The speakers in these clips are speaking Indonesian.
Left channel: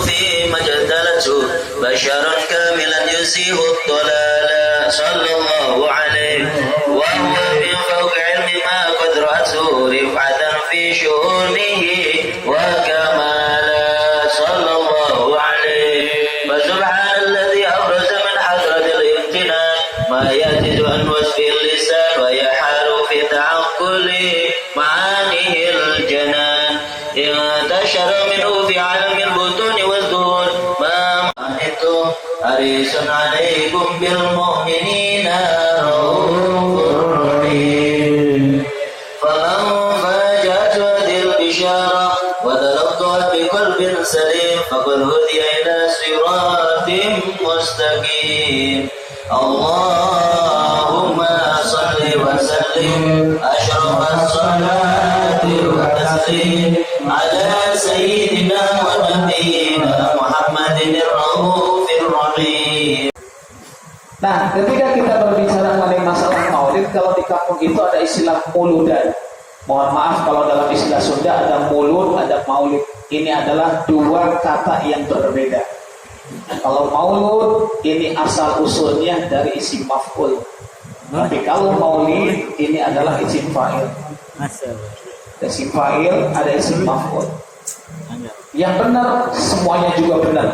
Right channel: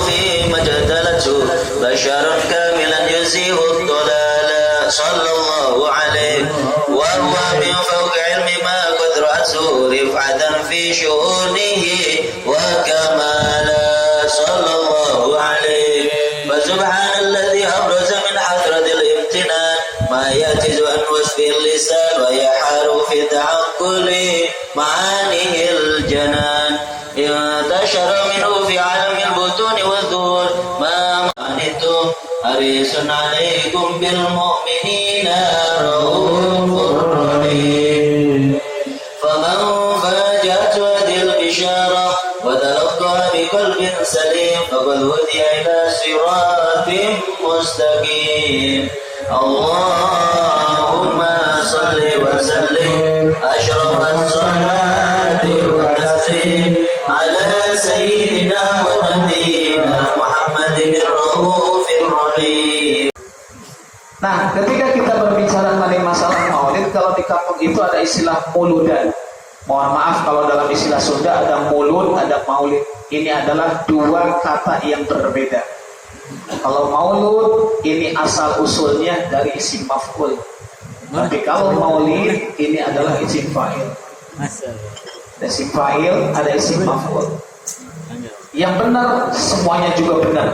فيه ما اجتلته بشر كاملا يزيه الضلال صلى الله عليه وهو من فوق علم ما قد رأته رفعة في شؤونه وكمالا صلى الله عليه فسبحان الذي أبرز من حضرة الامتنان ما يأتز عن وصف اللسان ويحار في تعقل معانيه الجنان انتشر منه في عالم البطون والظهور ما أنتم حريص عليكم بالمؤمنين رؤوف رحيم فمن فاجأت هذه البشارة وتلقى بقلب سليم فقد هدي إلى صراط مستقيم اللهم صل وسلم أشرف الصلاة والتسليم على سيدنا ونبينا محمد الرؤوف الرحيم. Nah, ketika kita berbicara mengenai masalah maulid, kalau di kampung itu ada istilah muludan. Mohon maaf kalau dalam istilah Sunda ada mulud, ada maulid. Ini adalah dua kata yang berbeda. Kalau maulud ini asal usulnya dari isim maf'ul. Tapi kalau maulid ini adalah isim fa'il. Ada isim fa'il, ada isim maf'ul. Yang benar semuanya juga benar.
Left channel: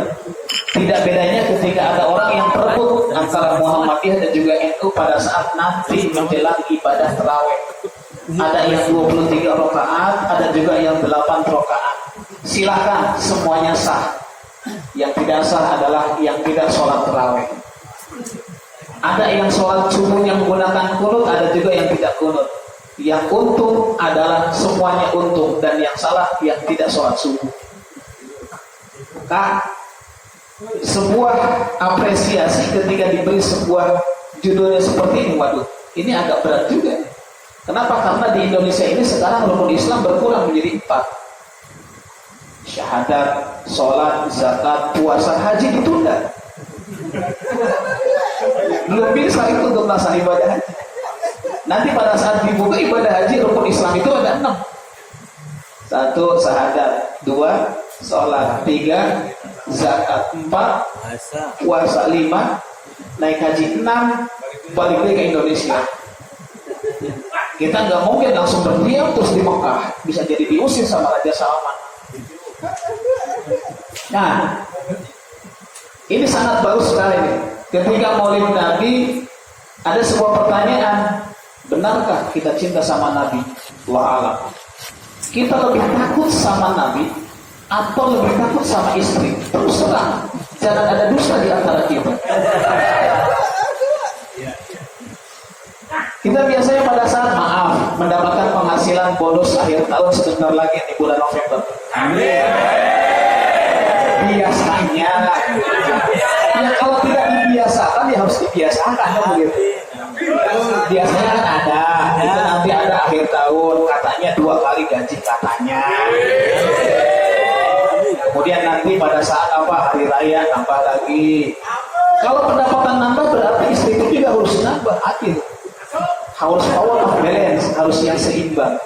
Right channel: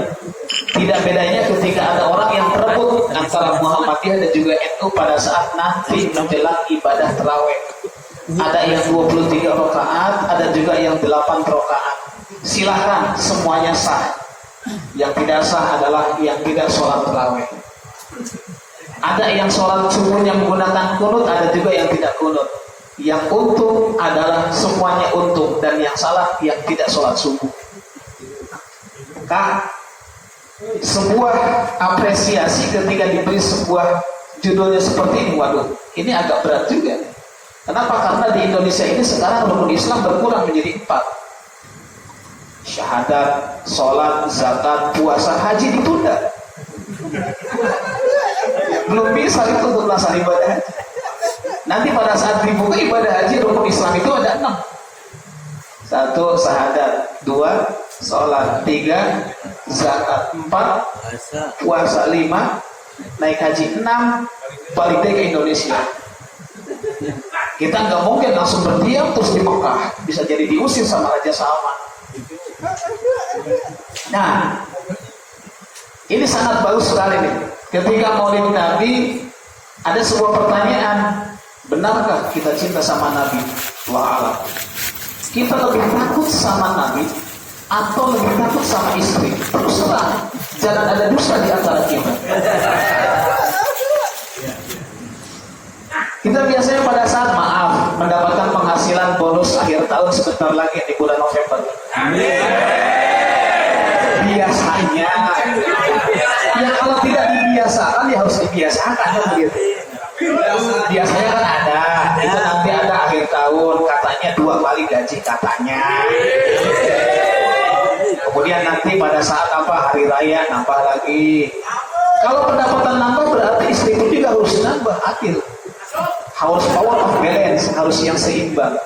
Tidak bedanya ketika ada orang yang berebut antara Muhammadiyah dan juga NU pada saat nanti menjelang ibadah tarawih. Ada yang 23 rakaat, ada juga yang 8 rakaat. Silakan, semuanya sah. Yang tidak sah adalah yang tidak sholat tarawih. Ada yang sholat subuhnya menggunakan kunut, ada juga yang tidak kunut. Yang untung adalah semuanya untung, dan yang salah yang tidak sholat subuh. Maka sebuah apresiasi ketika diberi sebuah judulnya seperti ini, waduh, ini agak berat juga. Kenapa? Karena di Indonesia ini sekarang rukun Islam berkurang menjadi 4. Syahadat, sholat, zakat, puasa, haji ditunda. Belum bisa itu untuk melaksanakan ibadah haji. Nanti pada saat dibuka ibadah haji, rukun Islam itu ada 6. 1. Syahadat, 2. Sholat, 3. Zakat, 4. Puasa, 5. Naik haji, 6. Balik ke Indonesia. Kita nggak mungkin langsung berdiam terus di Mekah, bisa jadi diusir sama Raja Salman. Nah, ini sangat bagus sekali nih. Ketika Maulid Nabi, ada sebuah pertanyaan, benarkah kita cinta sama Nabi? Wa'ala. Kita lebih takut sama Nabi atau lebih takut sama istri? Terus terang, jangan ada dusta di antara kita. Kita biasanya pada saat maaf mendapatkan penghasilan bonus akhir tahun sebentar lagi di bulan November. Amin. Biasanya, ya kalau tidak dibiasakan ya harus dibiasakan begitu. Biasanya kan ada, itu nanti ada akhir tahun katanya 2 kali gaji katanya. Kemudian nanti pada saat hari raya nambah lagi. Kalau pendapatan nambah berarti istri itu juga harus nambah adil. Harus power of balance, harus yang seimbang.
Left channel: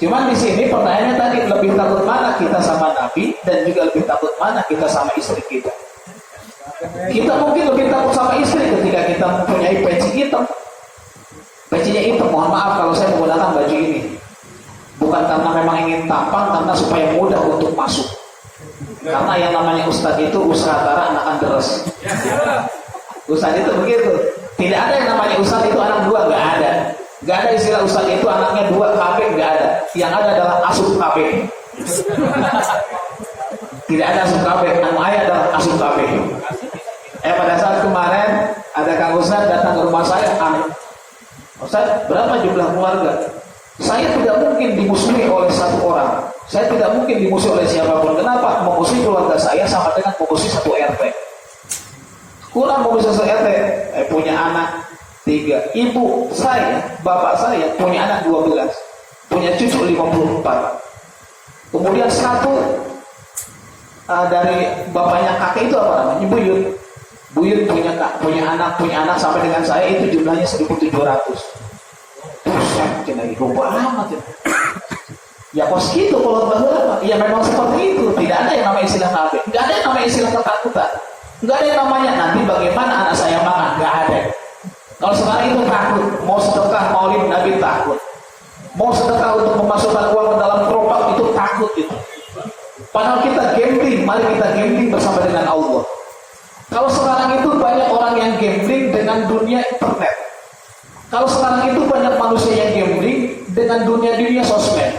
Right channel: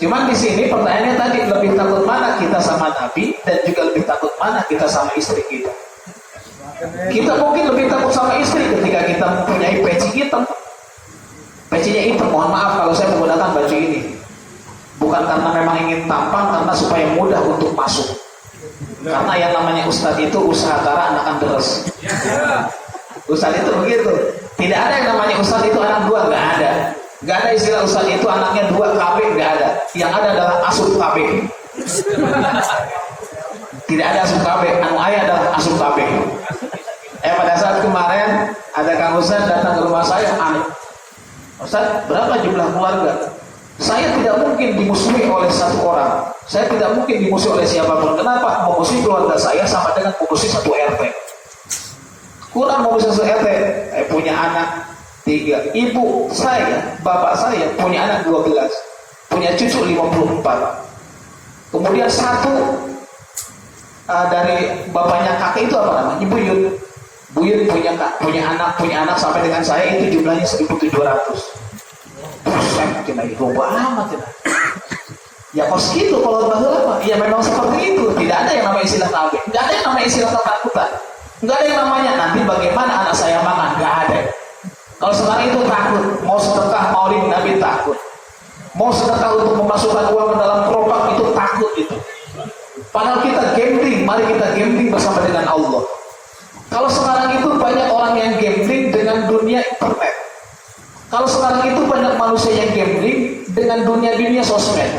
Cuman di sini pertanyaannya tadi, lebih takut mana kita sama Nabi dan juga lebih takut mana kita sama istri kita. Kita mungkin lebih takut sama istri ketika kita mempunyai peci hitam. Pecinya hitam, mohon maaf kalau saya menggunakan baju ini. Bukan karena memang ingin tampang, karena supaya mudah untuk masuk. Karena yang namanya ustadz itu usaha kara anakan deres. Ustadz itu begitu. Tidak ada yang namanya ustadz itu anak 2, nggak ada. Nggak ada istilah ustadz itu anaknya 2 KB, nggak ada. Yang ada adalah asup KB. Tidak ada asup KB, nama ayah adalah asup KB. Pada saat kemarin ada Kang Ustadz datang ke rumah saya, Ustadz, berapa jumlah keluarga? Saya tidak mungkin dimusuhi oleh 1 orang. Saya tidak mungkin dimusuhi oleh siapapun. Kenapa? Memusuhi keluarga saya sama dengan memusuhi 1 RT. Kurang memusuhi 1 RT. Saya punya anak 3. Ibu saya, bapak saya punya anak 12. Punya cucu 54. Kemudian 1 dari bapaknya kakek itu apa namanya? Buyut. Buyut punya anak sampai dengan saya itu jumlahnya 1.700. Buset, cina itu amat cina. Ya kos gitu kalau baheula. Ya memang seperti itu. Tidak ada yang namanya istilah KB. Enggak ada yang namanya istilah ketakutan. Enggak ada yang namanya nanti bagaimana anak saya makan. Enggak ada. Kalau sekarang itu takut. Mau sedekah maulid Nabi takut. Mau sedekah untuk memasukkan uang ke dalam gerobak itu takut itu. Padahal kita gambling. Mari kita gambling bersama dengan Allah. Kalau sekarang itu banyak orang yang gambling dengan dunia internet. Kalau sekarang itu banyak manusia yang gambling dengan dunia sosmed.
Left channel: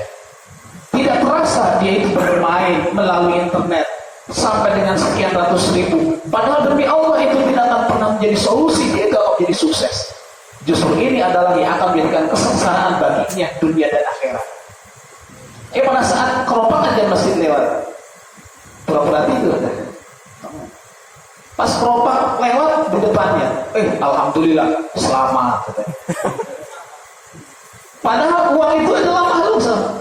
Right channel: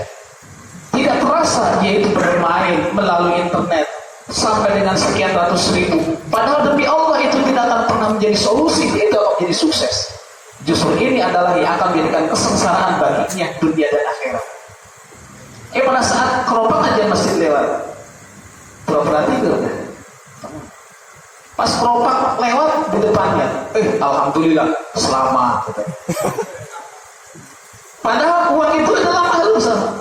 Tidak terasa dia itu bermain melalui internet sampai dengan sekian ratus ribu. Padahal demi Allah itu tidak akan pernah menjadi solusi, dia itu akan menjadi sukses. Justru ini adalah yang akan menjadikan kesengsaraan baginya dunia dan akhirat. Pada saat keropak aja masjid lewat, pura-pura tidur. Pas keropak lewat di depannya, alhamdulillah selamat. Padahal uang itu adalah makhluk sama.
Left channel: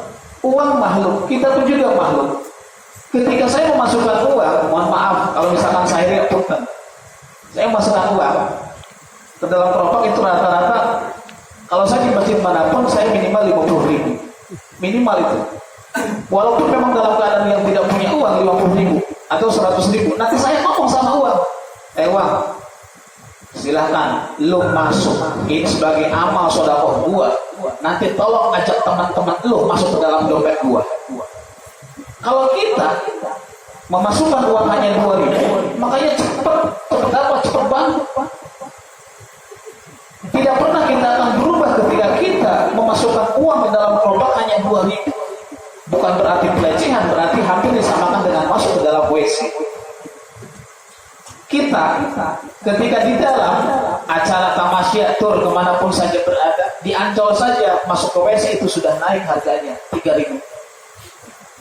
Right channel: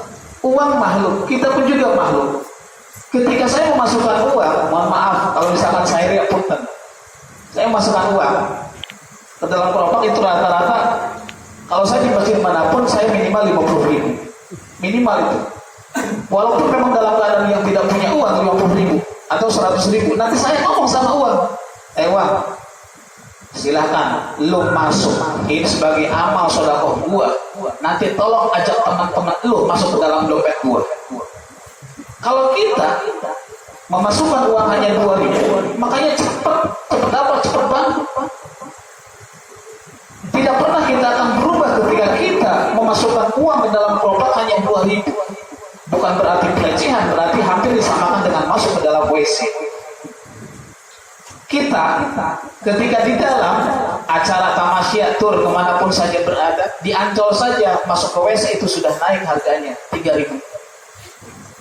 Uang makhluk, kita pun juga makhluk. Ketika saya memasukkan uang, mohon maaf kalau misalkan saya tidak punten, saya memasukkan uang ke dalam keropak itu rata-rata, kalau saya di masjid manapun saya minimal 50.000, minimal itu. Walaupun memang dalam keadaan yang tidak punya uang 50.000 atau 100.000, nanti saya ngomong sama uang, uang, silahkan lu masuk ini sebagai amal sedekah gua. Nanti tolong ajak teman-teman lu masuk ke dalam dompet gua. Kalau kita memasukkan uang hanya 2.000, makanya cepat banget. Tidak pernah kita akan berubah ketika kita memasukkan uang ke dalam keropak hanya 2.000. Bukan berarti pelecehan, berarti hampir disamakan dengan masuk ke dalam WC. Kita ketika di dalam acara tamasyatur kemanapun saja berada, di Ancol saja masuk ke WC itu sudah naik harganya 3.000.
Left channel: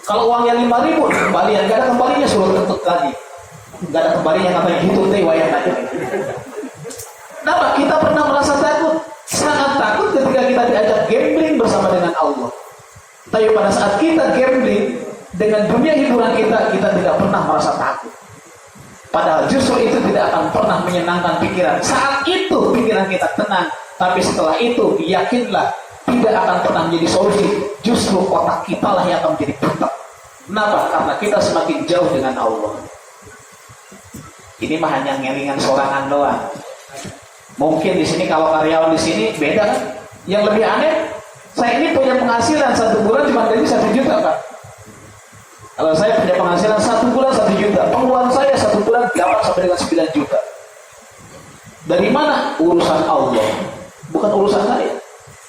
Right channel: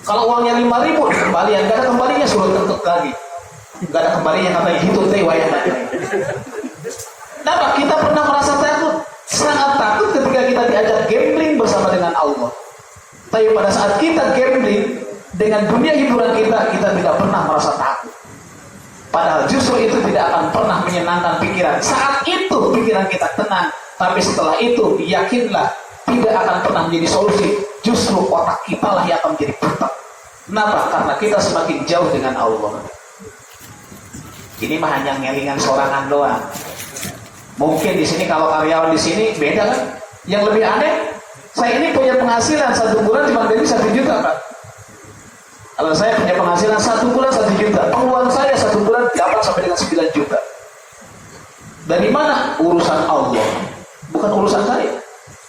Kalau uangnya 5.000 kembalian, gak ada kembalinya suruh tutup lagi. Gak ada kembalinya katanya itu teh wayang tadi. Kenapa? Kita pernah merasa takut, sangat takut ketika kita diajak gambling bersama dengan Allah. Tapi pada saat kita gambling dengan dunia hiburan kita tidak pernah merasa takut. Padahal justru itu tidak akan pernah menyenangkan pikiran. Saat itu pikiran kita tenang, tapi setelah itu yakinlah tidak akan pernah menjadi solusi. Justru otak kita lah yang akan menjadi buta. Kenapa? Karena kita semakin jauh dengan Allah. Ini mah hanya ngelingan sorangan doang. Mungkin di sini kalau karyawan di sini beda kan? Yang lebih aneh, saya ini punya penghasilan 1 bulan cuma dari 1 juta Pak. Kalau saya punya penghasilan 1 bulan 1 juta, pengeluaran saya 1 bulan 8 sampai dengan 9 juta. Dari mana? Urusan Allah, bukan urusan saya.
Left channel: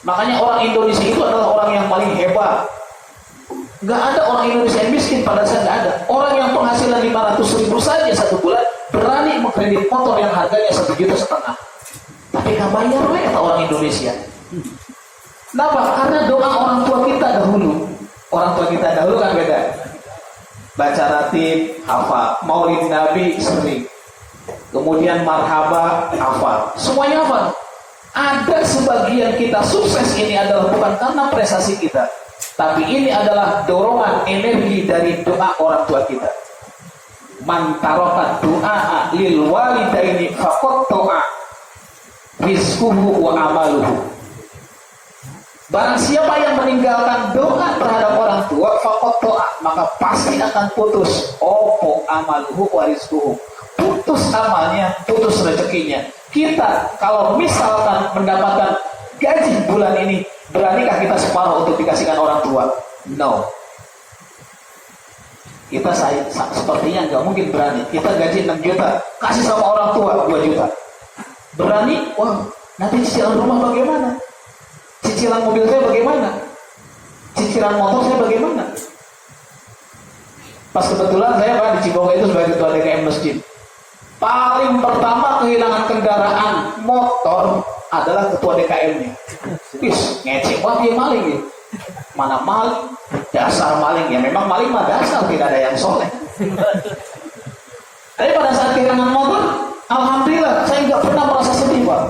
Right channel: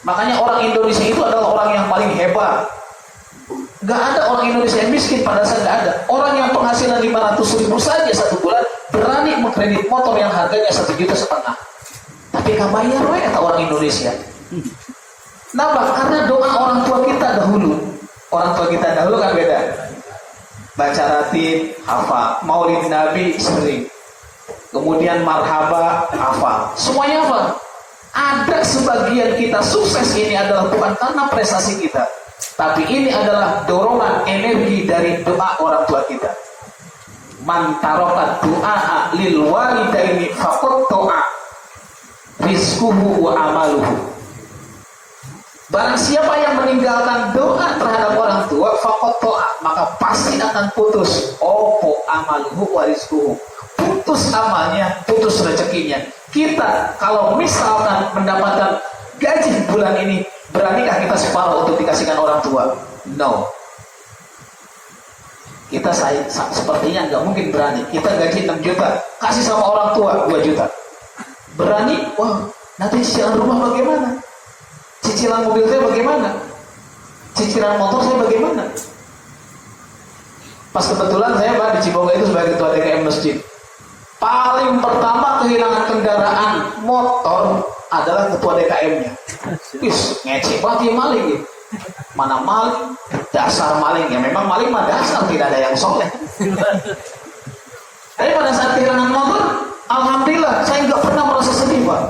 Makanya orang Indonesia itu adalah orang yang paling hebat. Gak ada orang Indonesia yang miskin, pada saat gak ada. Orang yang penghasilan 500.000 saja 1 bulan berani mengkredit motor yang harganya 1,5 juta. Tapi gak bayar kata orang Indonesia. Kenapa? Karena doa orang tua kita dahulu. Orang tua kita dahulu kan beda. Baca ratib, hafal. Maulid Nabi sering. Kemudian marhaba, hafal. Semuanya hafal. Ada sebagian kita sukses ini adalah bukan karena prestasi kita, tapi ini adalah dorongan energi dari doa orang tua kita. Man tarokat doa lil walidaini faqad to'a rizquhu wa amaluhu. Barang siapa yang meninggalkan doa terhadap orang tua, faqad to'a, maka pasti akan putus opo amaluhu wa rizquhu. Putus amalnya, putus rezekinya. Kita kalau misalkan mendapatkan gaji bulan ini, beranikah kita separuh untuk dikasihkan orang tua? No. Kita sepertinya nggak mungkin berani. Kita gaji 6 juta, kasih sama orang tua 2 juta. Berani? Wah, nanti cicilan rumah bagaimana? Cicilan mobil saya bagaimana? Cicilan motor saya bagaimana? Pas kebetulan saya Pak di Ciboga itu sebagai ketua DKM masjid. Paling pertama kehilangan kendaraan motor adalah ketua DKM-nya. Ngecek banget dia maling ya. Mana maling? Dasar maling. Ya memang maling mah dasar, tidak ada yang soleh. Tapi pada saat kehilangan motor, alhamdulillah saya nggak pernah merasa sedih Pak.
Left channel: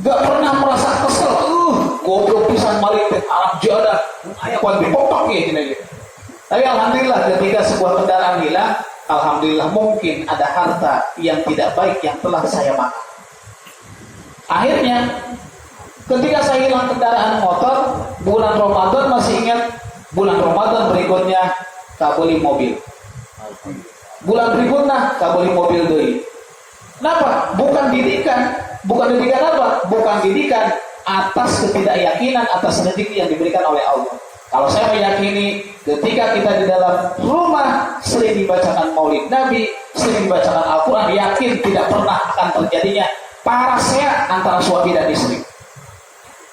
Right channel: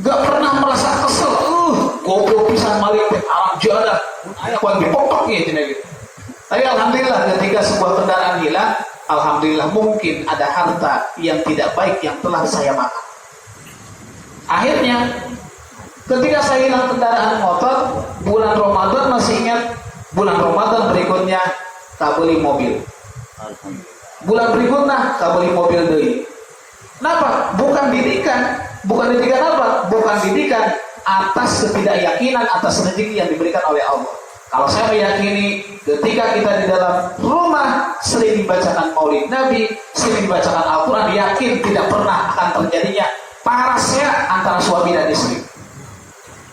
Nggak pernah merasa kesel. Goblok pisan maling Arab jadah. Ayah kuat dipokok gitu. Tapi alhamdulillah ketika sebuah kendaraan hilang, alhamdulillah mungkin ada harta yang tidak baik yang telah saya makan. Akhirnya ketika saya hilang kendaraan motor, bulan Ramadan masih ingat Bulan Ramadan berikutnya kabeli mobil. Bulan berikutnya kabeli mobil deui. Kenapa? Bukan didikan apa? Bukan didikan atas ketidakyakinan atas rezeki yang diberikan oleh Allah. Kalau saya meyakini ketika kita di dalam rumah sering dibacakan Maulid Nabi, sering dibacakan Al-Quran, yakin tidak pernah akan terjadinya parasea antara suami dan istri.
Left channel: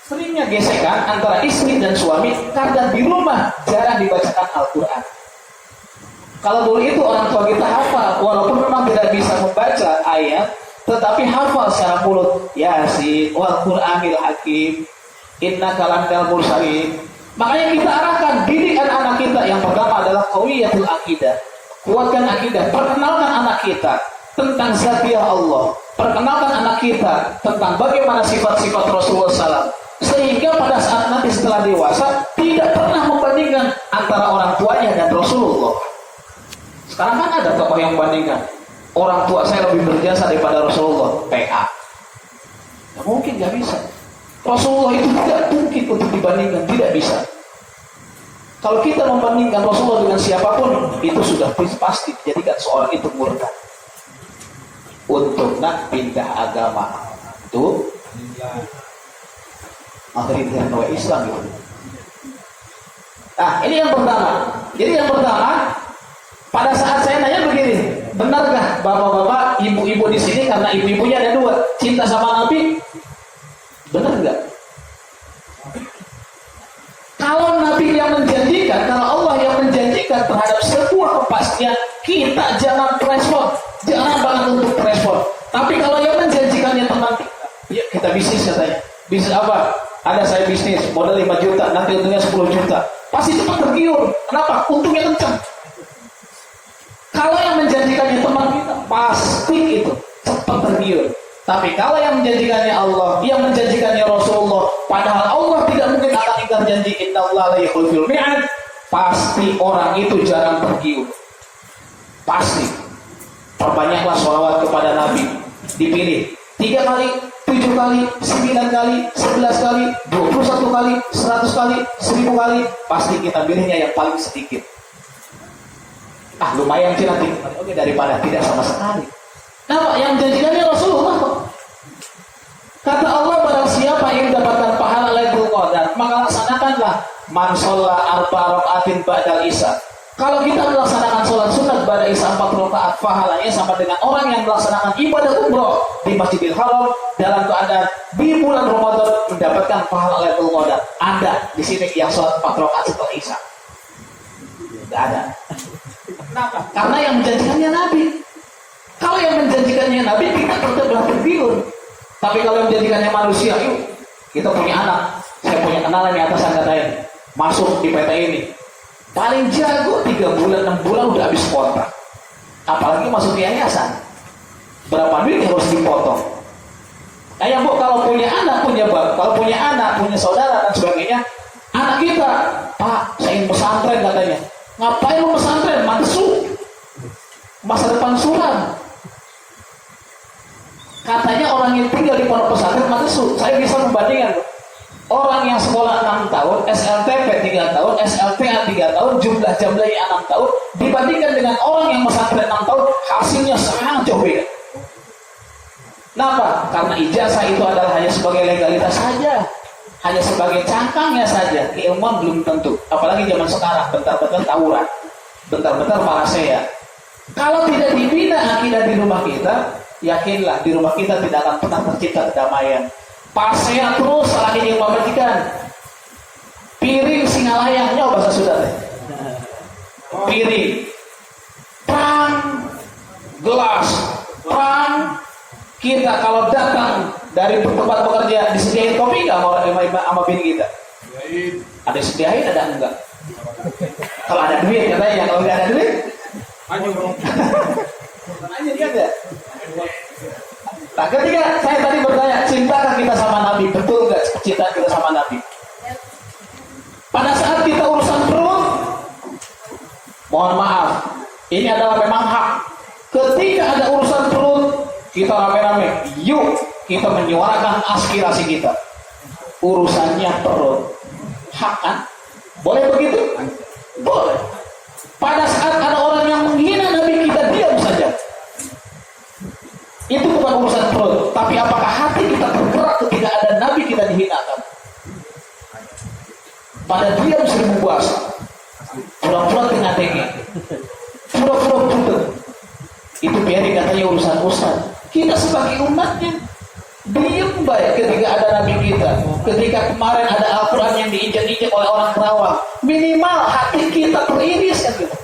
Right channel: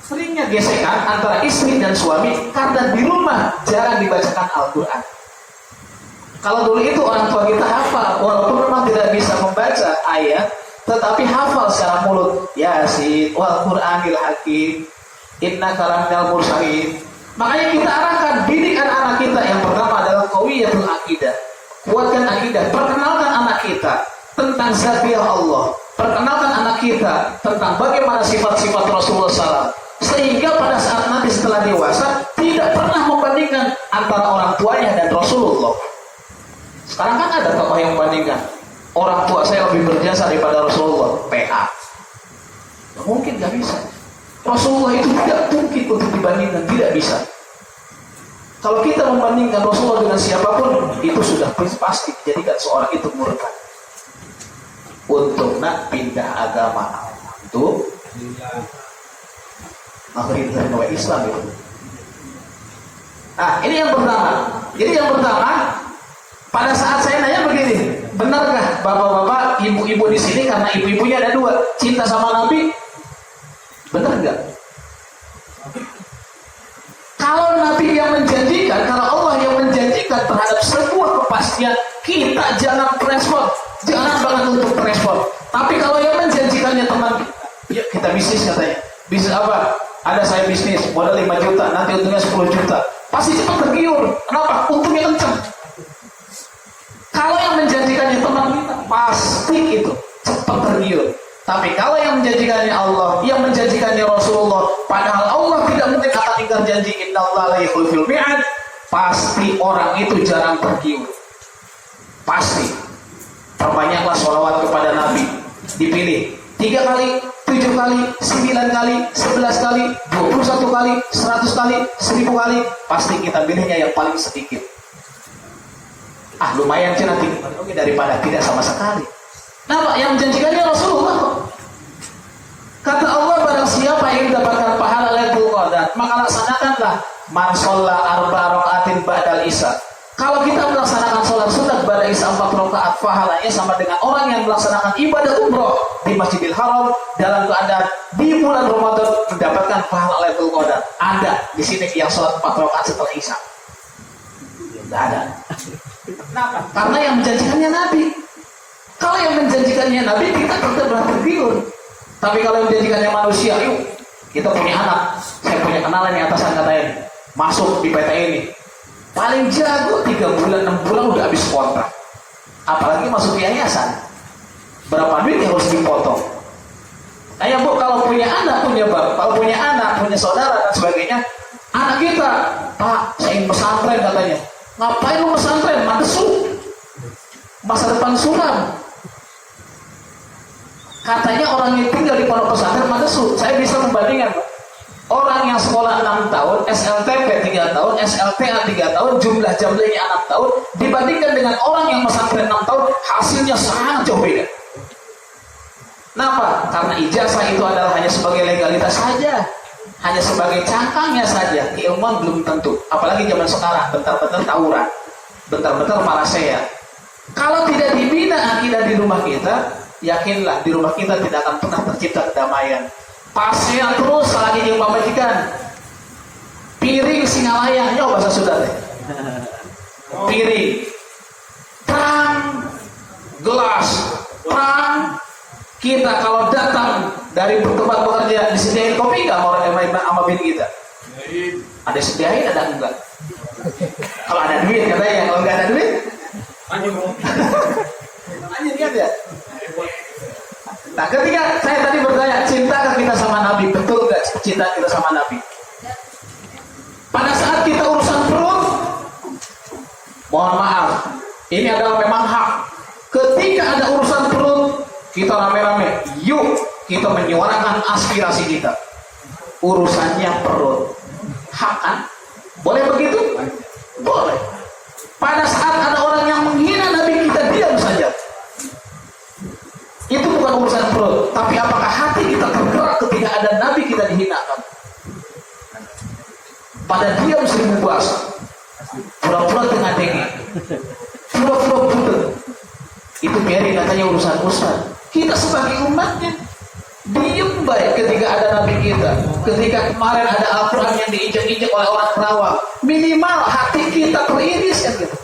Seringnya gesekan antara istri dan suami karena di rumah jarang dibacakan Al-Quran. Kalau dulu itu orang tua kita hafal, walaupun memang tidak bisa membaca ayat, tetapi hafal secara mulut. Yasin, wal Qur'anil Hakim, innaka laminal mursalin. Makanya kita arahkan didik anak-anak kita. Yang pertama adalah qawiyatul akidah. Kuatkan akidah. Perkenalkan anak kita tentang zatiyah Allah. Perkenalkan anak kita tentang bagaimana sifat-sifat Rasulullah SAW. Sehingga pada saat nanti setelah dewasa tidak pernah membandingkan antara orang tuanya dan Rasulullah. Sekarang kan ada tokoh yang membandingkan, orang tua saya lebih berjasa daripada Rasulullah. PA. Nah, mungkin nggak bisa. Rasulullah itu tidak mungkin untuk dibandingkan, tidak bisa. Kalau kita membandingkan Rasulullah dengan siapapun, itu sudah pasti dijadikan seorang itu murtad. Untuk nak pindah agama, itu akhirnya dari Islam itu. Nah, ini yang pertama. Jadi yang pertama, pada saat saya nanya begini, benarkah bapak-bapak, ibu-ibu di sini karena ibu-ibunya ada dua, cinta sama Nabi? Benar nggak? Kalau Nabi yang menjanjikan, kalau Allah yang menjanjikan terhadap sebuah kepastian, kita jangan respon, jangan banget untuk respon. Tapi kalau yang menjanjikannya teman kita, ya kita bisnis katanya, bisnis apa? Ada saya bisnis, modal 5 juta, nanti untungnya 10 juta. Pasti cepat tergiur. Kenapa? Untungnya kencang. Kalau yang menjanjikannya teman kita, pasti itu cepat tergiur. Tapi kalau yang menjanjikannya Allah, yang menjanjikannya Rasulullah, padahal Allah tidak mungkin akan ingkar janji, innallaha la yukhliful mi'ad, pasti orang itu jarang tergiur. Pasti. Perbanyaklah sholawat kepada Nabi. Dipilih 3 kali, 7 kali, 9 kali, 11 kali, 21 kali, 100 kali, 1000 kali, pasti kita pilihnya yang paling sedikit. Lumayan sih nanti, oke, daripada tidak sama sekali. Nah, yang menjanjikannya Rasulullah kok. Kata Allah, barang siapa yang mendapatkan pahala Lailatul Qadar, maka laksanakanlah man sholla arba rakaatin ba'dal isya. Kalau kita melaksanakan sholat sunat pada isya 4 rakaat, pahalanya sama dengan orang yang melaksanakan ibadah umroh di Masjidil Haram dalam keadaan di bulan Ramadan mendapatkan pahala Lailatul Qadar. Anda di sini yang sholat 4 rakaat setelah isya? Tidak ada. Kenapa? Karena yang menjanjikannya Nabi. Kalau yang menjanjikannya Nabi, kita tetap tergiur. Tapi kalau yang menjanjikannya manusia, yuk kita punya anak. Saya punya kenalan di atasan katanya, masuk di PT ini. Paling jago 3 bulan, 6 bulan udah habis kontrak. Apalagi masuk yayasan. Berapa duit yang harus dipotong? Kayak Bu, kalau punya anak, punya bapak, kalau punya anak, punya saudara dan sebagainya, anak kita, Pak, saya ingin pesantren katanya. Ngapain lu pesantren? Mantesu. Masa depan suram. Katanya orang yang tinggal di pondok pesantren Mantesu. Saya bisa membandingkan. Orang yang sekolah 6 tahun, SLTP 3 tahun, SLTA 3 tahun, jumlah jam lagi 6 tahun, dibandingkan dengan orang yang pesantren 6 tahun, hasilnya sangat jauh beda. Kenapa? Karena ijazah itu adalah hanya sebagai legalitas saja, hanya sebagai cangkangnya saja. Keilmuan belum tentu. Apalagi zaman sekarang, bentar-bentar tawuran, bentar-bentar parasea. Kalau tidak dibina akidah di rumah kita, yakinlah di rumah kita tidak akan pernah tercipta kedamaian. Pasea terus lagi yang pemajikan. Piring singalayah, nyoba bahasa Sunda deh. Piring, perang, gelas, perang. Kita kalau datang dari tempat bekerja disediain kopi nggak sama bini kita? Ada sediain, ada enggak? Kalau ada duit katanya, kalau nggak ada duit, anjir kan ya? Nah, ketika saya tadi bertanya, cintakah kita sama Nabi? Betul nggak cinta kita sama Nabi? Pada saat kita urusan perut, mohon maaf, ini adalah memang hak. Ketika ada urusan perut, kita rame-rame, yuk kita menyuarakan aspirasi kita. Urusannya perut, hak kan? Boleh begitu? Boleh. Pada saat ada orang yang menghina Nabi, kita diam saja. Itu bukan urusan perut, tapi apakah hati kita tergerak ketika ada Nabi kita dihinakan? Pada diam 1000 bahasa, pura-pura tengah dengek, pura-pura buta. Itu biarin katanya urusan ustaz. Kita sebagai umatnya diam baik ketika ada Nabi kita. Ketika kemarin ada Al-Quran yang diinjak-injak oleh orang Kerawang, minimal hati kita teriris kan gitu.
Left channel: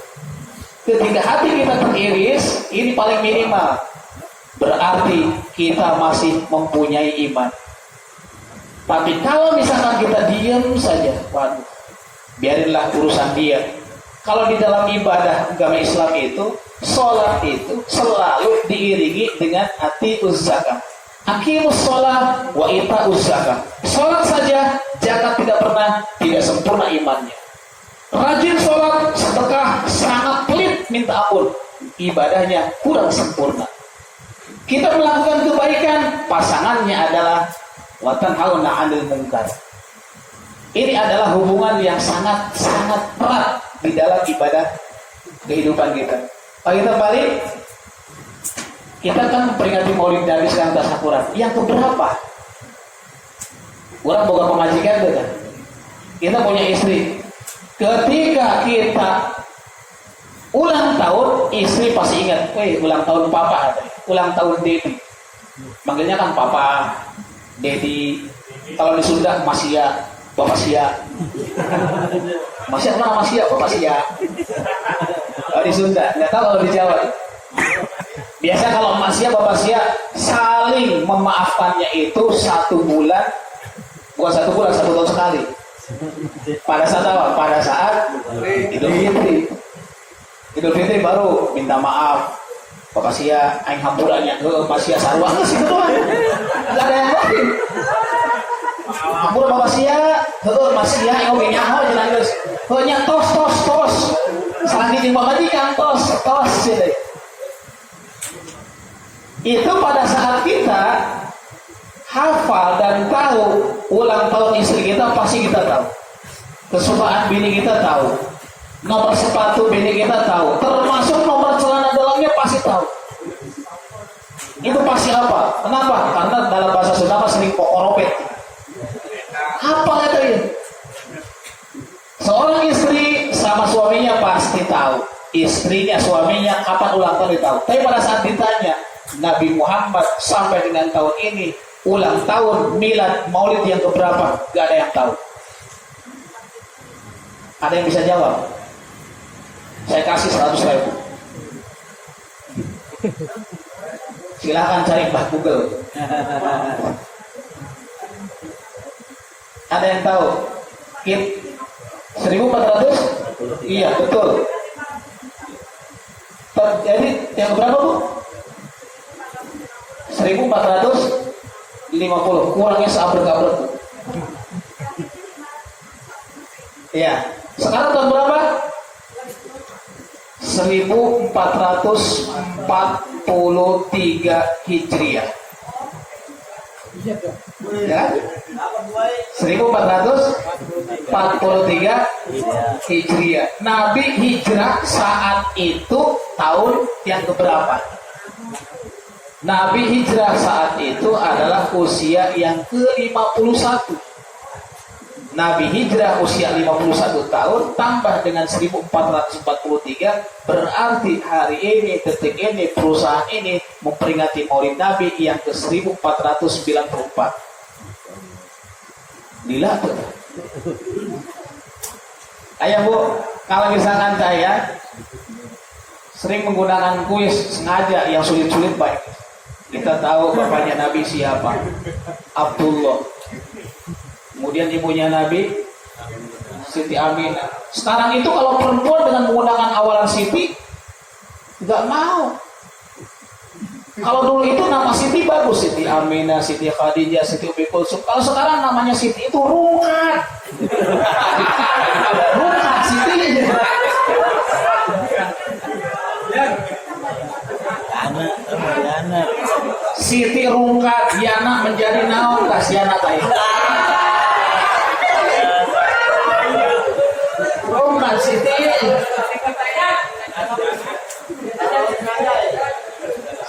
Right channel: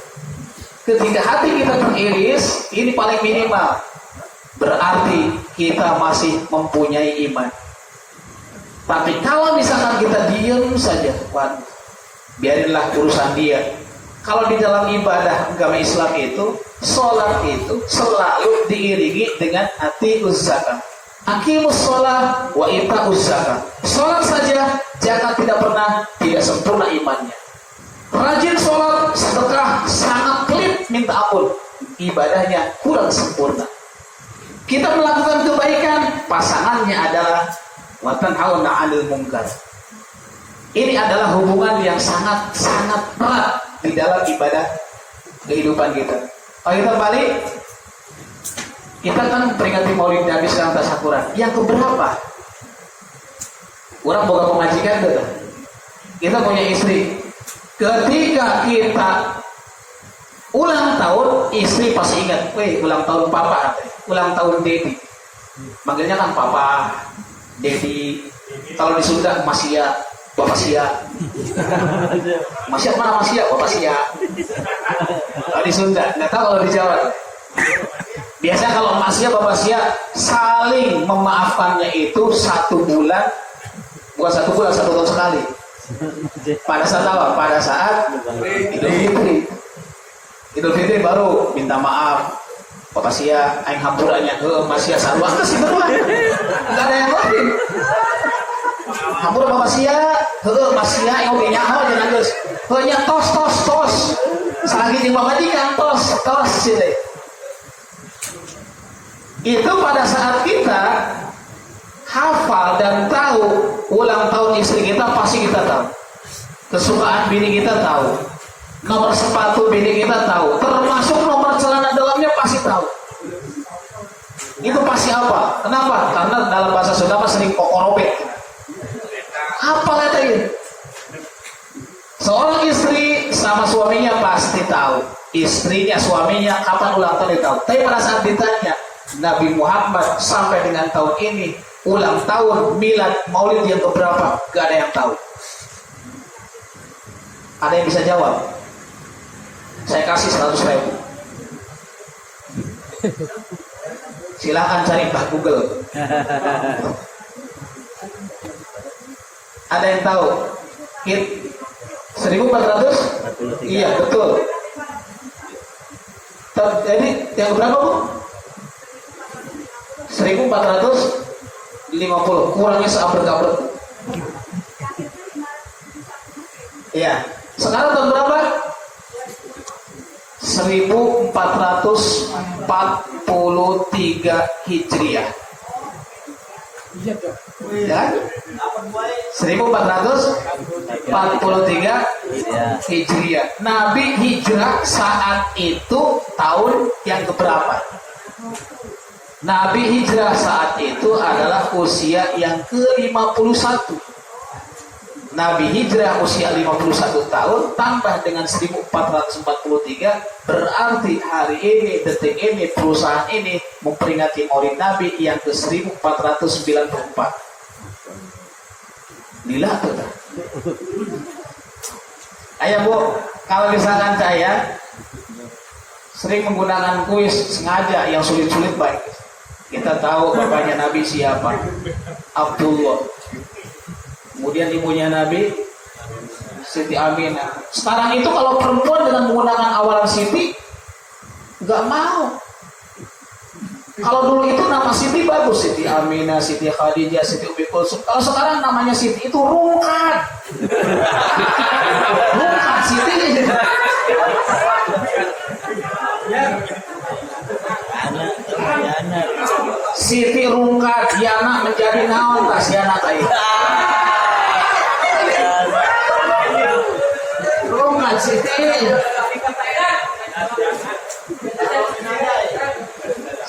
Ketika hati kita teriris, ini paling minimal. Berarti kita masih mempunyai iman. Tapi kalau misalkan kita diam saja, waduh, biarinlah urusan dia. Kalau di dalam ibadah agama Islam itu, sholat itu selalu diiringi dengan atiquz zakat. Aqimus sholat wa ita'uz zakat. Sholat saja, zakat tidak pernah, tidak sempurna imannya. Rajin sholat, sedekah, sangat pelit minta ampun, ibadahnya kurang sempurna. Kita melakukan kebaikan, pasangannya adalah wa tanhauna 'anil munkar. Ini adalah hubungan yang sangat-sangat erat di dalam ibadah kehidupan kita. Kalau kita balik, kita kan memperingati Maulid Nabi sedang tasyakuran. Yang keberapa? Orang boga pemajikan gitu. Kita punya istri. Ketika kita ulang tahun, istri pasti ingat, weh ulang tahun papa, ulang tahun Dedi. Manggilnya kan papa, Dedi. Kalau di Sunda Masia, Bapak Sia. Masia mana Masia? Bapak Sia. Kalau di Sunda, nggak tahu kalau di Jawa. Biasa kalau Masia, Bapak Sia saling memaafkannya itu 1 bulan, bukan 1 bulan, 1 tahun sekali. Pada saat apa? Pada saat Idul Fitri. Idul Fitri baru minta maaf. Bapak Sia, aing hampurannya ke Mas Sia sarua ke situ doang. Enggak ada yang lain. Hampura Bapak Sia, heueuh Mas Sia yang oge nyaho jeung geus. Heuh nya tos. Salagi jeung babadikan tos gitu. Itu pada saat kita hafal dan tahu ulang tahun istri kita, pasti kita tahu. Kesukaan bini kita tahu. Nomor sepatu bini kita tahu, termasuk nomor celana dalamnya pasti tahu. Itu pasti apa? Kenapa? Karena dalam bahasa Sunda sering kokoropet. Apa katanya? Seorang istri sama suaminya pasti tahu. Istrinya, suaminya kapan ulang tahun dia tahu. Tapi pada saat ditanya, Nabi Muhammad sampai dengan tahun ini ulang tahun milad maulid yang keberapa? Gak ada yang tahu. Ada yang bisa jawab? Saya kasih 100.000. Silahkan cari Mbah Google. Ada yang tahu? 1400? Iya betul. Jadi yang berapa Bu? 1450. Kurangnya seabrek-abrek. Iya. Sekarang tahun berapa? 1443 Hijriah. Ya? 1443 Hijriah. Nabi hijrah saat itu tahun yang keberapa? Nabi hijrah saat itu adalah usia yang ke-51. Nabi hijrah usia 51 tahun tambah dengan 1443, berarti hari ini, detik ini, perusahaan ini memperingati Maulid Nabi yang ke-1494. Lila tuh. Ayo Bu, kalau misalkan saya sering menggunakan kuis sengaja yang sulit-sulit baik. Kita tahu bapaknya Nabi siapa? Abdullah. Kemudian ibunya Nabi Siti Aminah. Sekarang itu kalau perempuan dengan menggunakan awalan Siti nggak mau. Kalau dulu itu nama Siti bagus, Siti Aminah, Siti Khadijah, Siti Ummi Kulsum. Kalau sekarang namanya Siti itu Rungkat. Rungkat Siti. Yana. Siti Rungkat Yana menjadi naon kasiana tadi.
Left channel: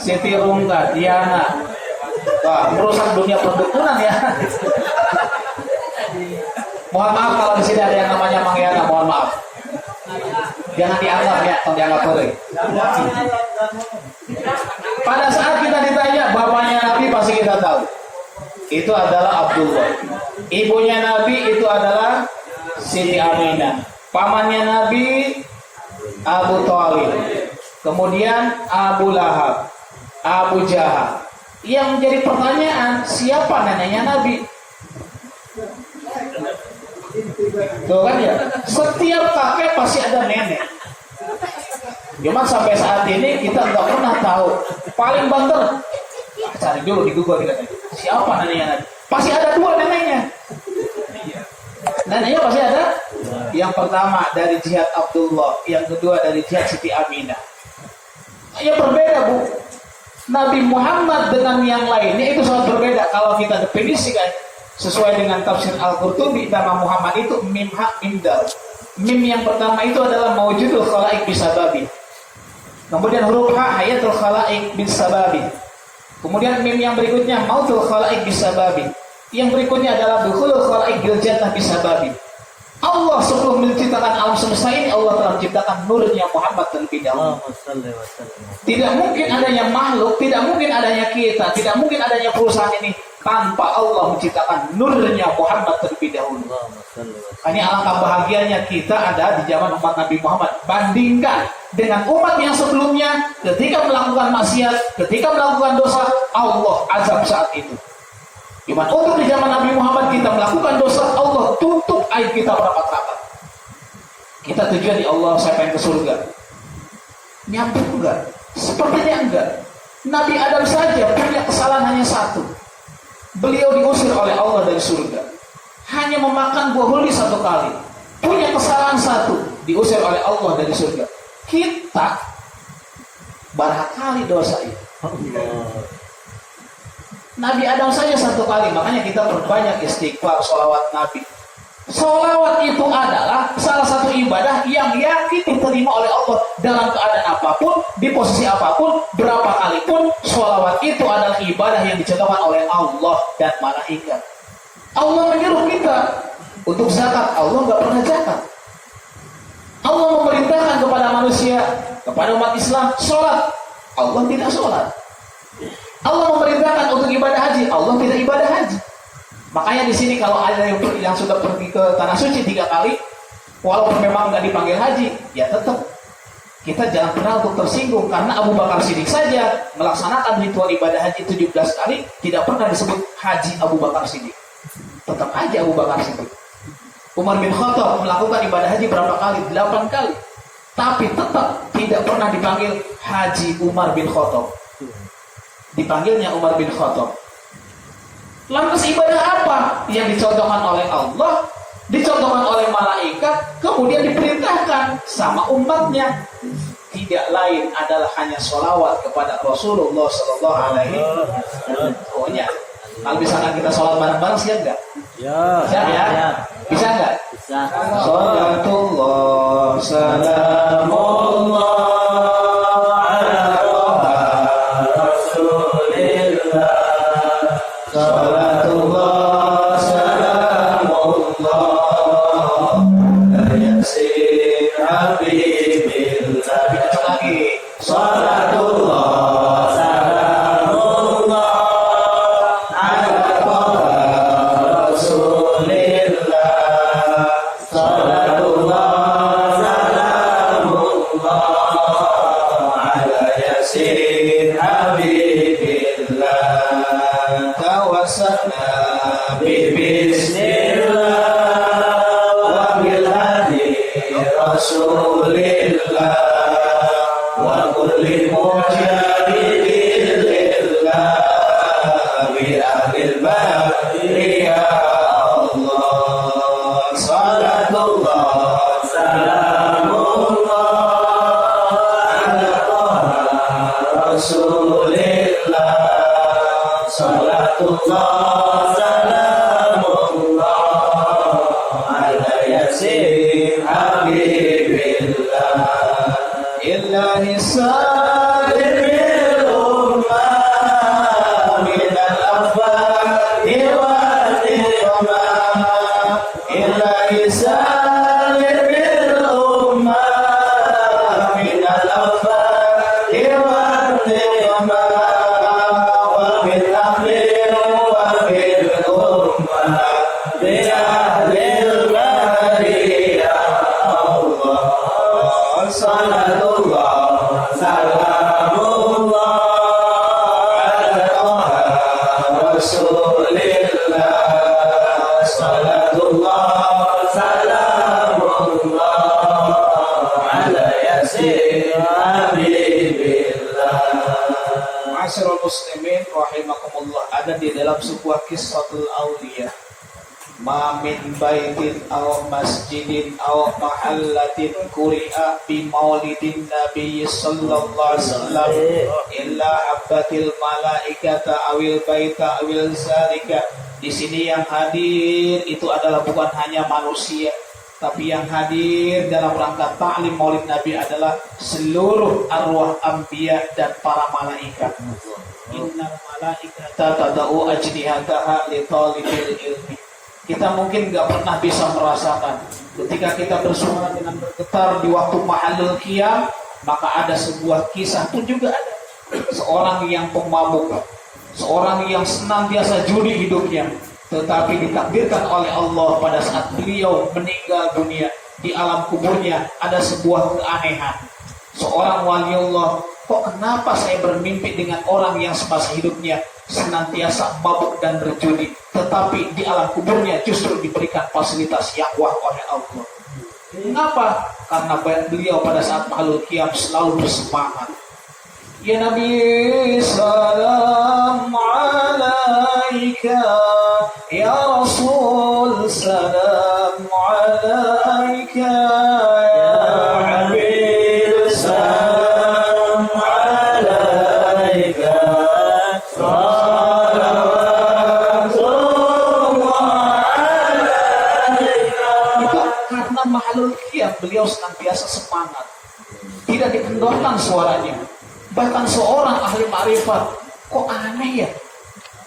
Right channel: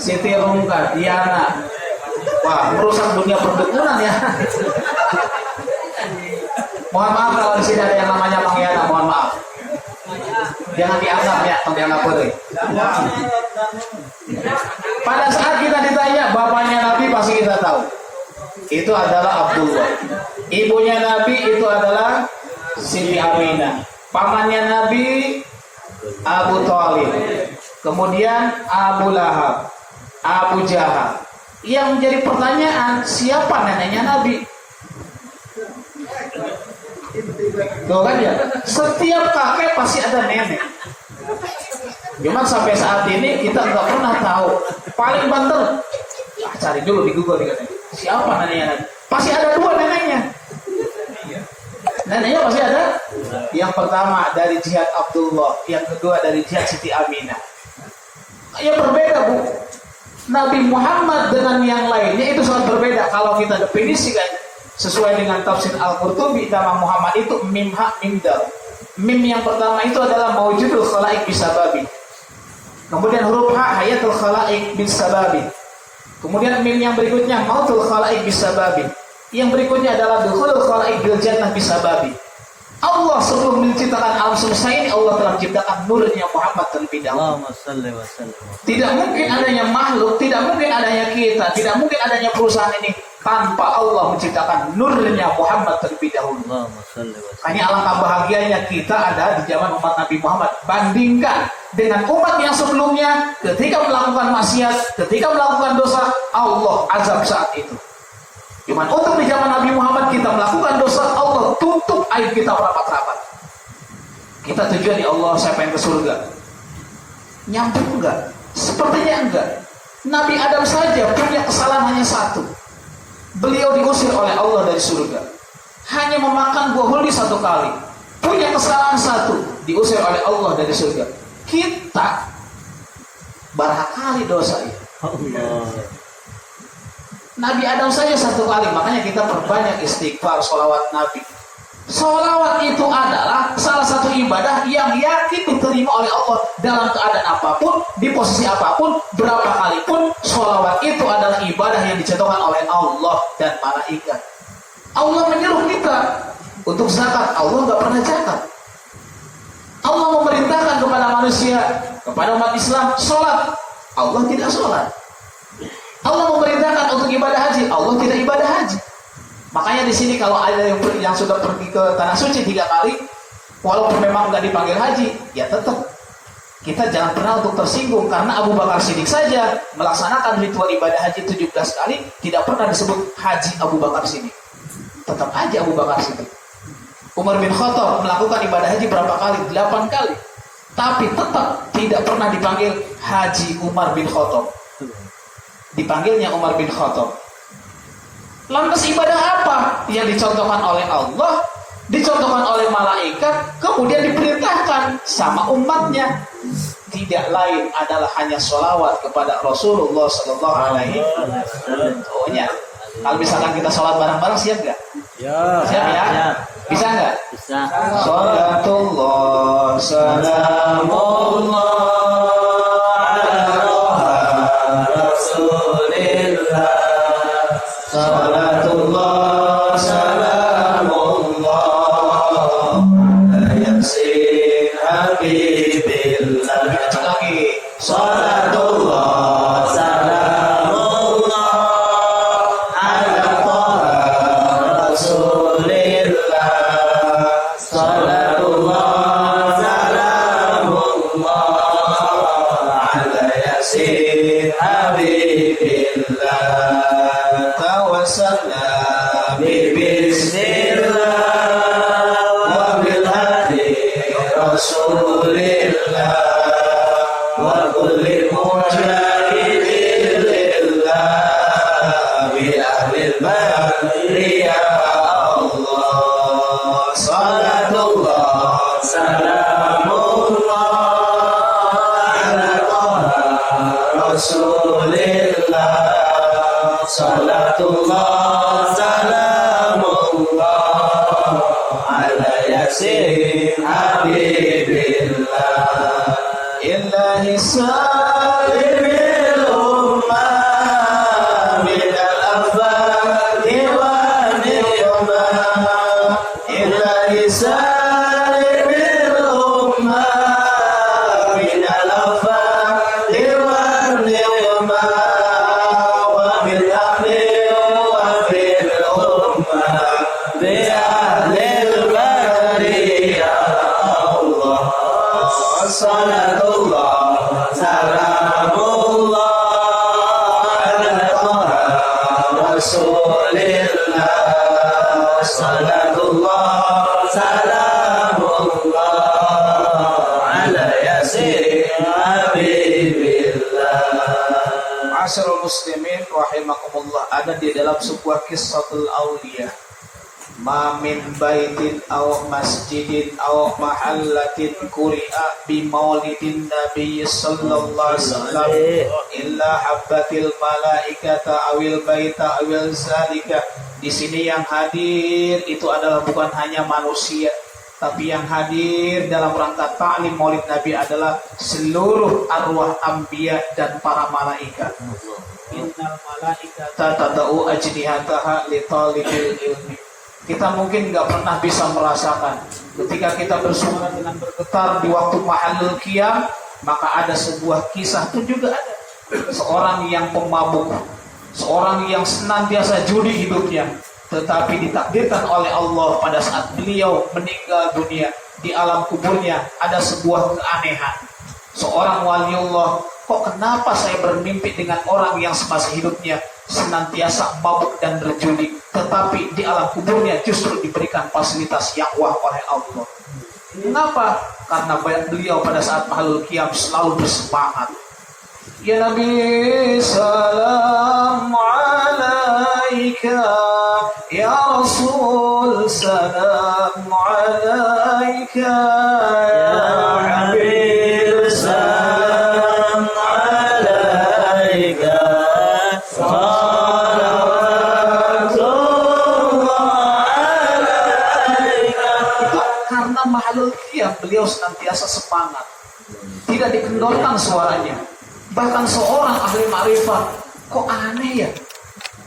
Siti Rungkat, Diana. Wah, merusak dunia perdukunan ya. Mohon maaf kalau di sini ada yang namanya Mang Yana, mohon maaf. Jangan dianggap ya, atau dianggap perih. Pada saat kita ditanya bapaknya Nabi pasti kita tahu. Itu adalah Abdullah. Ibunya Nabi itu adalah Siti Aminah. Pamannya Nabi Abu Thalib. Kemudian Abu Lahab, Abu Jahal. Yang menjadi pertanyaan, siapa neneknya Nabi? Tuh kan ya, setiap kakek pasti ada nenek. Cuma sampai saat ini kita nggak pernah tahu. Paling banter, cari dulu di Google nih, siapa neneknya Nabi? Pasti ada dua neneknya. Neneknya pasti ada. Yang pertama dari jihad Abdullah, yang kedua dari jihad Siti Aminah. Ya berbeda bu. Nabi Muhammad dengan yang lainnya itu sangat berbeda. Kalau kita definisikan sesuai dengan tafsir Al-Qurtubi, nama Muhammad itu mim hak mim dal. Mim yang pertama itu adalah maujudul khalaik bisababi. Kemudian huruf ha hayatul khalaik bisababi. Kemudian mim yang berikutnya mautul khalaik bisababi. Yang berikutnya adalah dukhulul khalaik bil jannah bisababi. Allah sebelum menciptakan alam semesta ini, Allah telah menciptakan nurnya Muhammad terlebih dahulu. Tidak mungkin adanya makhluk, tidak mungkin adanya kita, tidak mungkin adanya perusahaan ini tanpa Allah menciptakan nurnya Muhammad terlebih dahulu. Hanya alangkah bahagianya kita ada di zaman umat Nabi Muhammad. Bandingkan dengan umat yang sebelumnya, ketika melakukan maksiat, ketika melakukan dosa, Allah azab saat itu. Cuma untuk di zaman Nabi Muhammad kita melakukan dosa, Allah tutup aib kita rapat-rapat. Kita tujuan di Allah, saya pengen ke surga. Nyambung enggak? Sepertinya enggak. Nabi Adam saja punya kesalahan hanya satu. Beliau diusir oleh Allah dari surga. Hanya memakan buah huli satu kali. Punya kesalahan satu, diusir oleh Allah dari surga. Kita barangkali dosa itu. Nabi Adam saja satu kali, makanya kita perbanyak istighfar, sholawat Nabi. Sholawat itu adalah salah satu ibadah yang yakin diterima oleh Allah dalam keadaan apapun, di posisi apapun, berapa kali pun. Sholawat itu adalah ibadah yang dicontohkan oleh Allah dan malaikat. Allah menyuruh kita untuk zakat, Allah nggak pernah zakat. Allah memerintahkan kepada manusia, kepada umat Islam, sholat, Allah tidak sholat. Allah memerintahkan untuk ibadah haji, Allah tidak ibadah haji. Makanya di sini kalau ada yang sudah pergi ke tanah suci 3 kali, walaupun memang nggak dipanggil haji, ya tetap kita jangan pernah untuk tersinggung, karena Abu Bakar Siddiq saja melaksanakan ritual ibadah haji 17 kali, tidak pernah disebut haji Abu Bakar Siddiq. Tetap aja Abu Bakar Siddiq. Umar bin Khattab melakukan ibadah haji berapa kali? 8 kali. Tapi tetap tidak pernah dipanggil haji Umar bin Khattab. Dipanggilnya Umar bin Khattab. Lantas ibadah apa yang dicontohkan oleh Allah, dicontohkan oleh malaikat, kemudian diperintahkan sama umatnya? Tidak lain adalah hanya sholawat kepada Rasulullah Sallallahu Alaihi Wasallam. Oh ya, kalau misalkan kita sholat bareng-bareng siap nggak? Ya. Siap ya? Bisa nggak? Bisa. Sholatullah, salamullah. Salatullah, Ma'asyiral muslimin rahimakumullah, ada di dalam sebuah Qissatul Auliya, ma min baitin aw masjidin aw mahallatin quri'a bi maulidin nabiy sallallahu alaihi wasallam illa habbatil malaikata awil baita awil zalika. Di sini yang hadir itu adalah bukan hanya manusia, tapi yang hadir dalam rangka ta'lim maulid Nabi adalah seluruh arwah anbiya dan para malaikat. Innal malaikata tada'u ajnihataha li talibil ilmi. Kita mungkin nggak pernah bisa merasakan ketika kita bersuara dengan bergetar di waktu mahalul qiyam, maka ada sebuah kisah itu juga ada. Seorang yang pemabuk, seorang yang senantiasa judi hidupnya, tetapi ditakdirkan oleh Allah pada saat beliau meninggal dunia, di alam kuburnya ada sebuah keanehan. Seorang waliullah, kok kenapa saya bermimpi dengan orang yang semasa hidupnya senantiasa mabuk dan berjudi, tetapi di alam kuburnya justru diberikan fasilitas yang wah oleh Allah. Kenapa? Karena beliau pada saat mahalul qiyam selalu bersemangat. Ya Nabi, salam alaika. Ya Rasul, salam alaika. Ya Habib, salam alaika. Karena mahalul qiyam beliau senantiasa semangat, tidak dikendorkan suaranya. Bahkan seorang ahli ma'rifat, kok aneh ya,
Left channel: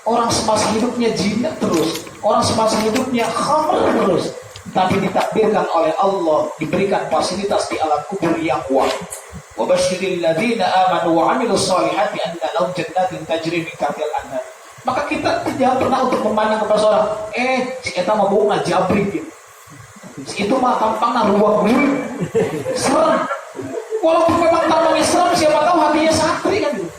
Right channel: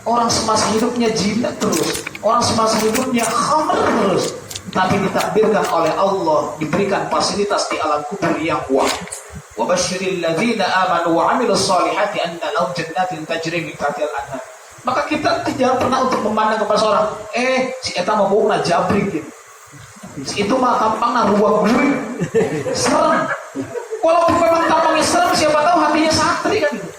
orang semasa hidupnya jinak terus, orang semasa hidupnya khamr terus, tapi ditakdirkan oleh Allah diberikan fasilitas di alam kubur yang wah. Wa basyiril ladzina amanu wa 'amilus shalihati anna lahum jannatin tajri min tahtiha al-anhar. Maka kita tidak pernah untuk memandang kepada seorang, si eta mau bukan jabrik gitu. Itu mah tampangnya ruwak gue, serem. Walaupun memang tampangnya serem, siapa tahu hatinya santri kan gitu.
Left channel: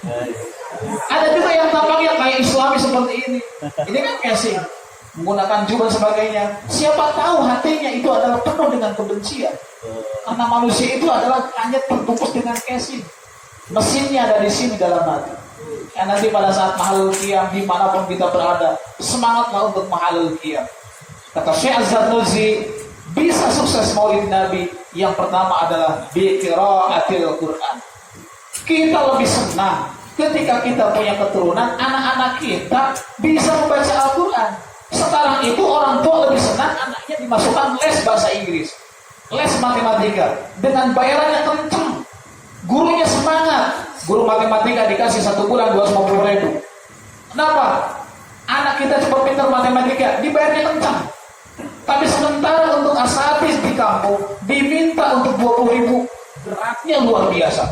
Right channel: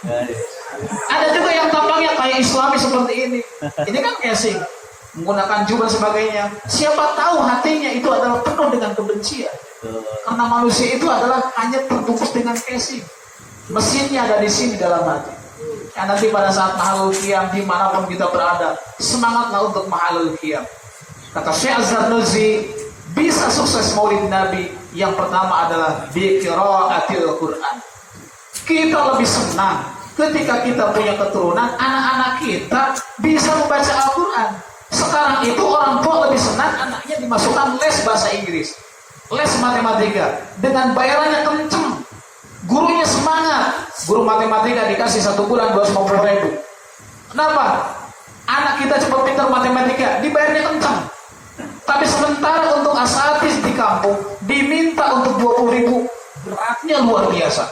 Ada juga yang tampangnya kayak Islami seperti ini. Ini kan casing, menggunakan jubah sebagainya. Siapa tahu hatinya itu adalah penuh dengan kebencian. Karena manusia itu adalah hanya terbungkus dengan casing. Mesinnya ada di sini dalam hati. Dan nanti pada saat mahalul qiyam dimanapun kita berada, semangatlah untuk mahalul qiyam. Kata Syekh Az-Zarnuzi, bisa sukses maulid Nabi, yang pertama adalah biqiraatil Quran. Kita lebih senang ketika kita punya keturunan, anak-anak kita bisa membaca Al-Quran. Sekarang itu orang tua lebih senang anaknya dimasukkan les bahasa Inggris, les matematika, dengan bayarannya kenceng, gurunya semangat. Guru matematika dikasih 1 bulan 250.000. Kenapa? Anak kita cepat pintar matematika, dibayarnya kencang. Tapi sementara untuk asatidz di kampung diminta untuk 20.000, beratnya luar biasa.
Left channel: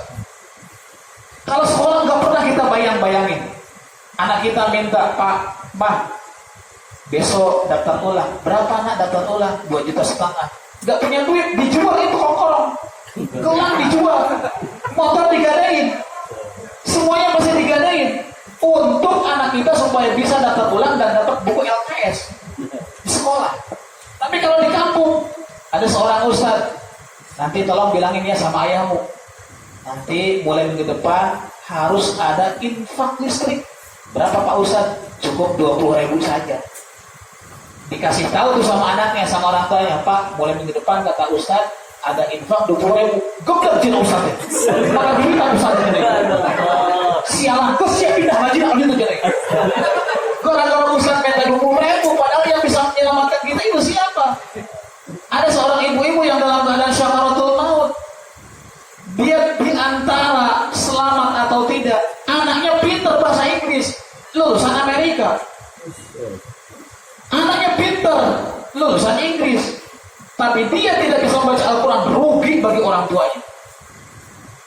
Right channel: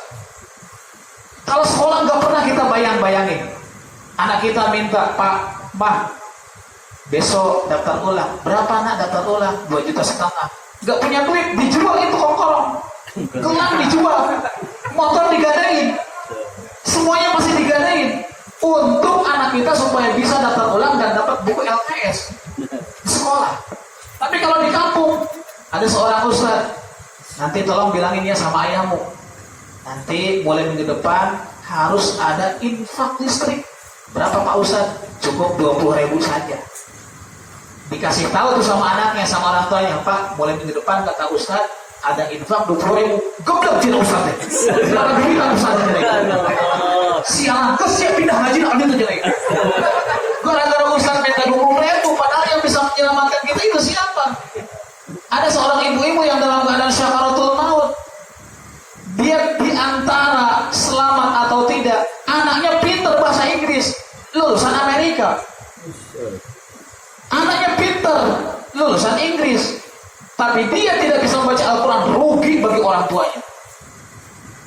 Kalau sekolah nggak pernah kita bayangin. Anak kita minta, Pak, Mah, besok daftar ulang. Berapa nak daftar ulang? 2,5 juta. Nggak punya duit, dijual itu kokorong. Gelang dijual, motor digadain, semuanya pasti digadain untuk anak kita supaya bisa daftar ulang dan dapat buku LKS di sekolah. Tapi kalau di kampung ada seorang ustaz, nanti tolong bilangin ya sama ayahmu, nanti mulai minggu depan harus ada infak listrik. Berapa Pak Ustaz? Cukup 20.000 saja. Dikasih tahu tuh sama anaknya, sama orang tuanya, Pak, mulai minggu depan kata Ustaz ada infak 20.000. Goblok cina Ustaz. Kalau duit aku saja nih. Sialan, siap pindah haji ambil tuh jelek. Gara-gara Ustaz minta 20.000, padahal yang bisa menyelamatkan kita itu siapa? Ada seorang ibu-ibu yang dalam keadaan syakaratul maut. Dia di antara selamat atau tidak, anaknya pintar bahasa Inggris, lulusan Amerika. Anaknya pintar, lulusan Inggris, tapi dia tidak bisa membaca Al-Quran, rugi bagi orang tuanya.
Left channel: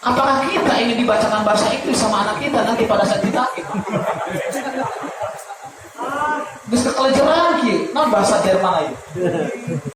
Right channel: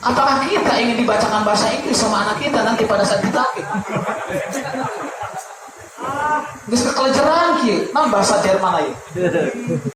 Apakah kita ingin dibacakan bahasa Inggris sama anak kita nanti pada saat ditakir? Bisa kekelejeran, nah bahasa Jerman aja.